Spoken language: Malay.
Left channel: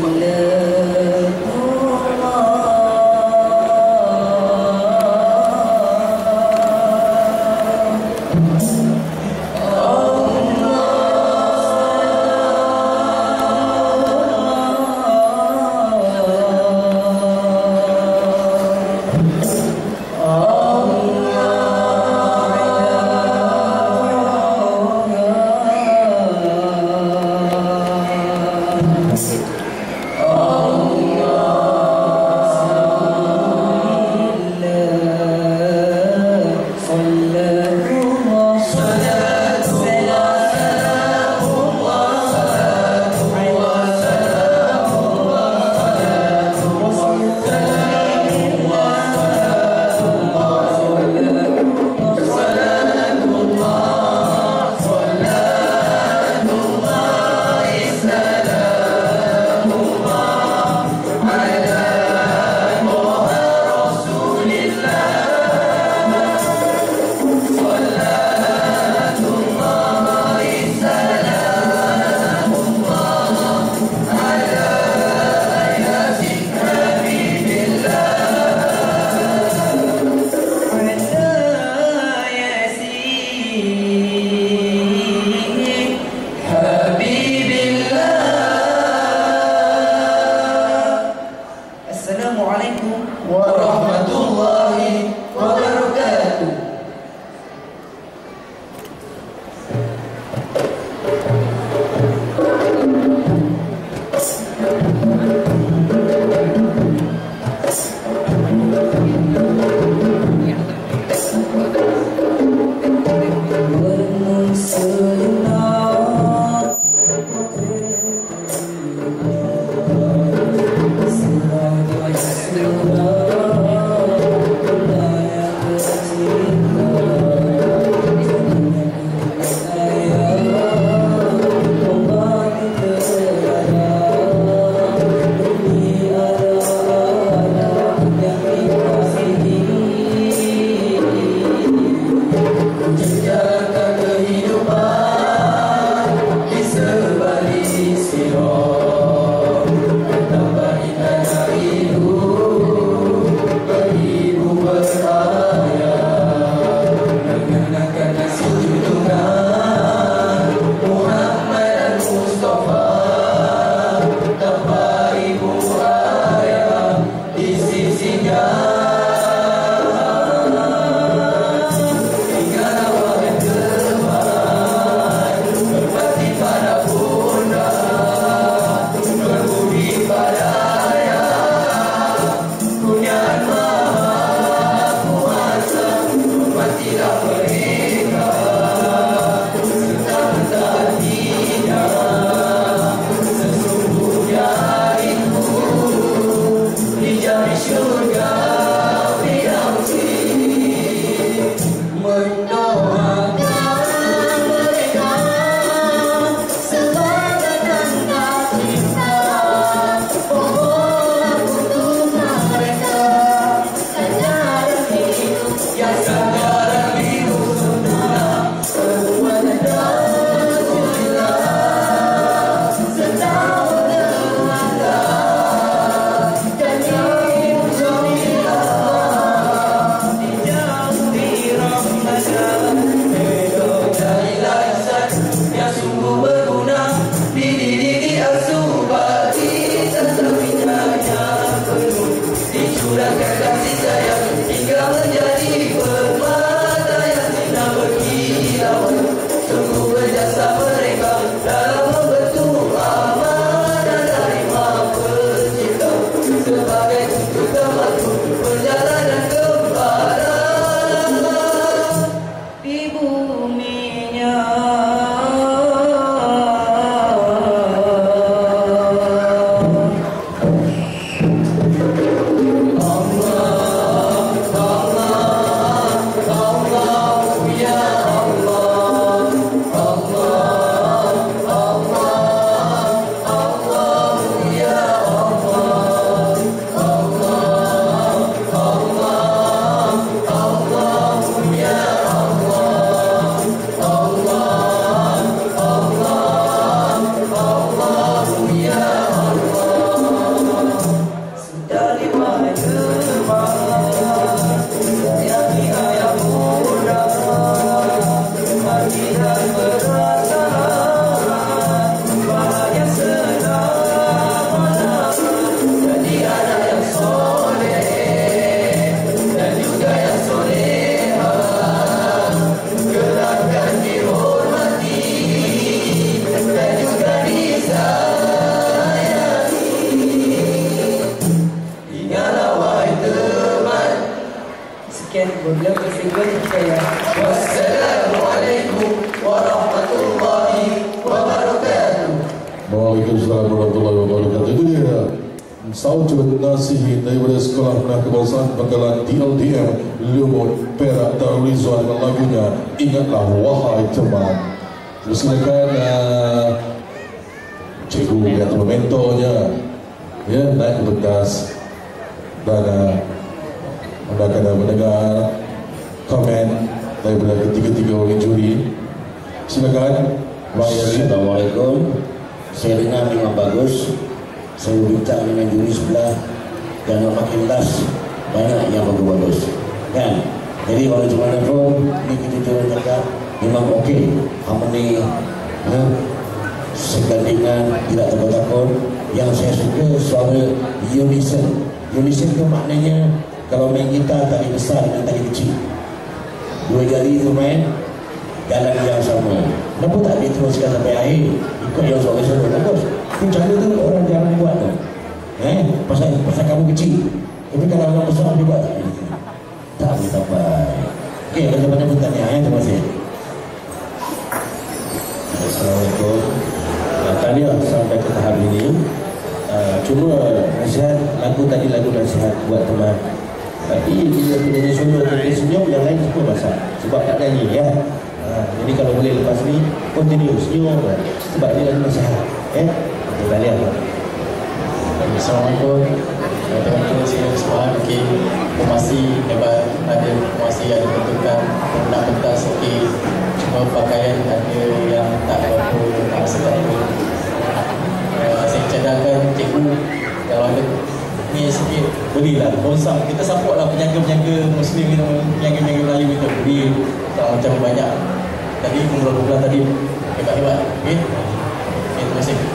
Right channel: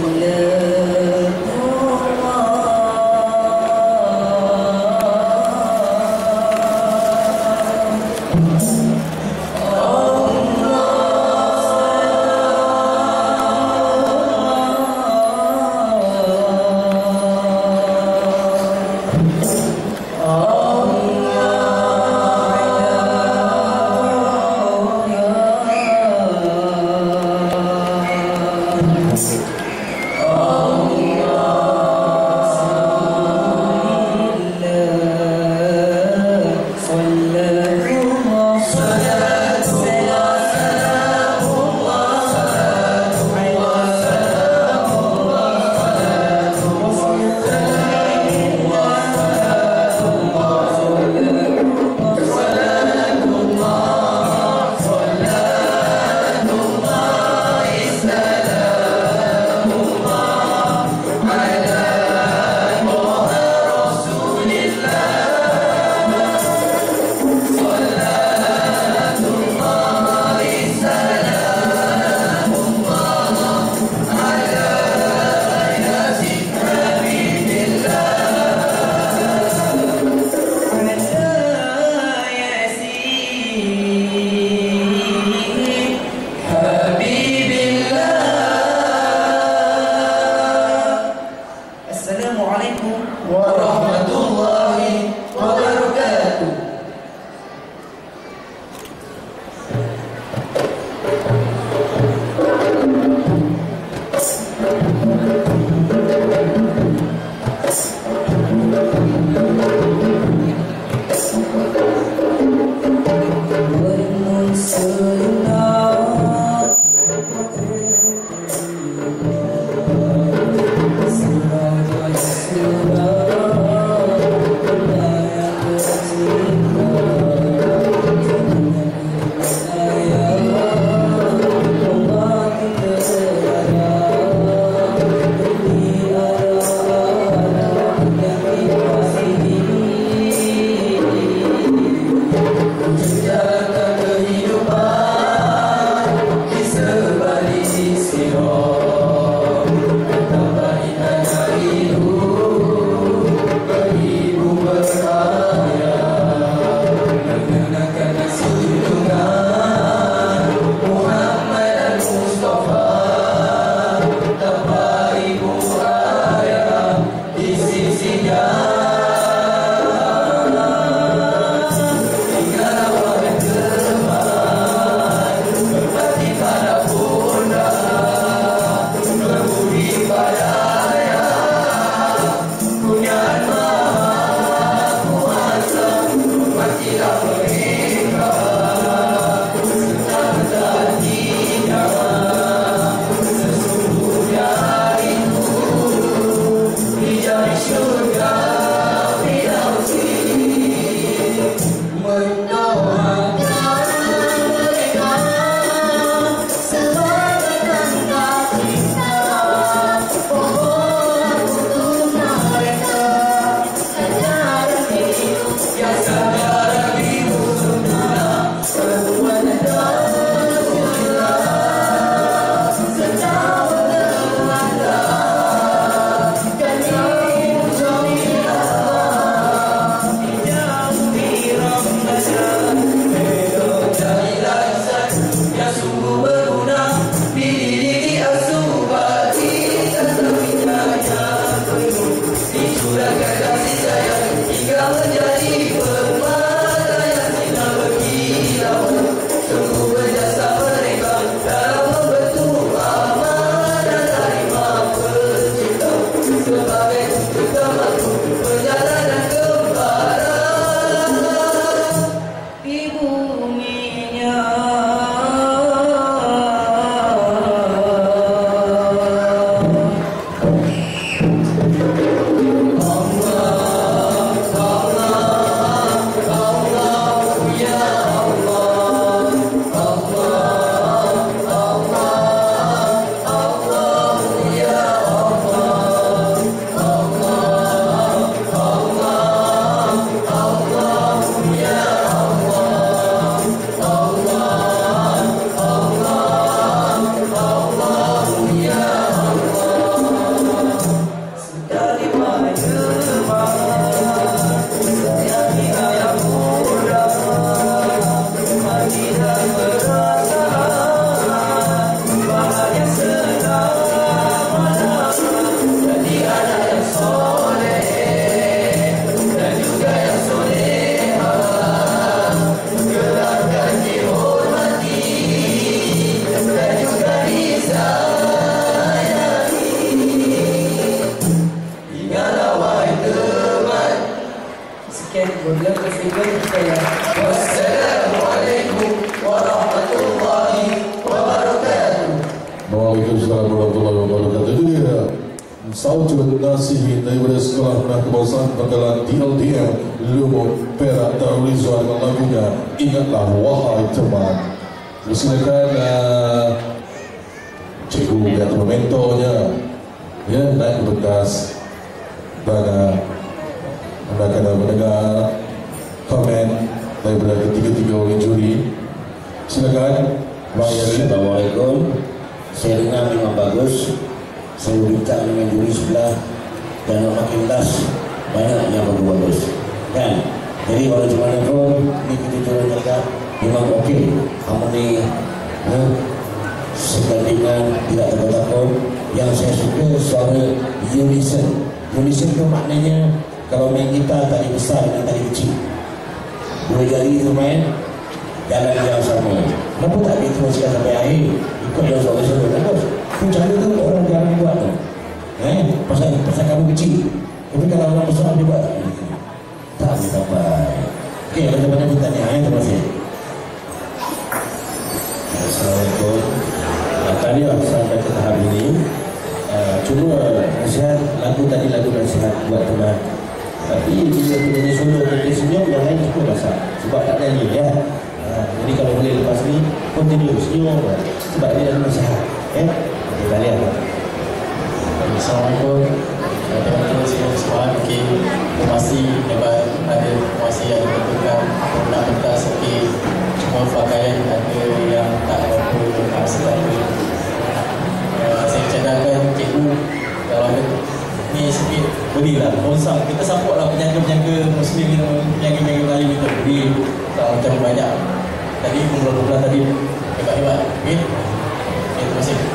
mulheres. عليكم ورحمة الله. Amen. Wassalamualaikum warahmatullahi wabarakatuh. Itu dia Saujud nasihi daripada Sekolah Menengah Kebangsaan Bakalan DLDM Lumut Perak Darul Rizwan dengan lagunya Ingatlah Wahai Teman. Bersilakan uh, Cikgu atau mentornya ya naik ke pentas dan uh, anda akan mendengar komen daripada ketiga-tiga orang juri. Silakan. Assalamualaikum. Saya dengar memang bagus. Saya bincang dengan juri sebelah Dan makin last Banyak yang bagus-bagus Kan? Jadi kalau cuma pun Ini kita cuba cakap Memang okey. Harmoni ha? Segandingan Tidak takut-takut Yang saya suka Suara unison. Unison tu maknanya Kalau main gitar Tadi besar dengan tadi kecil Dua jari tu main Jalan yang sama. Kenapa tak diteruskan sampai akhir Ikut yang suara-suara bagus Itu cara tu orang jarang buat tu. Eh, pasal, pasal kamu kecil. Tapi kalau orang besar dia buat Tak? Boleh sampai. Okey, ada banyak bertanya eh, terima kasih. Assalamualaikum. Tahniah sampai ke tahap ini uh, Cuma nasihat Lagu tadi lagu nasihat buat teman Tapi dia penyanyi solo Dia senyum yang lain semua masak Sebab tak nyanyi ya. Uh, Jadi kalau boleh lepas ni Continue senyum Sebab dia lagu nasihat Eh okay, Tahniah Assalamualaikum. Teman-teman semua semua mungkin formasi hebat. Ada formasi ada bentukan nak pentas okey cuma pakaian ada yang tak berapa tak seberapa uh, saya cadangkan cikgu kalau ada ni sikit berilah konsam kita support lah penyangga-penyangga muslim ni penyangga-penyangga Melayu kita beri tak macam banyak. Tadi kumpulan-kumpulan tadi hebat-hebat okey? Okay, terima kasih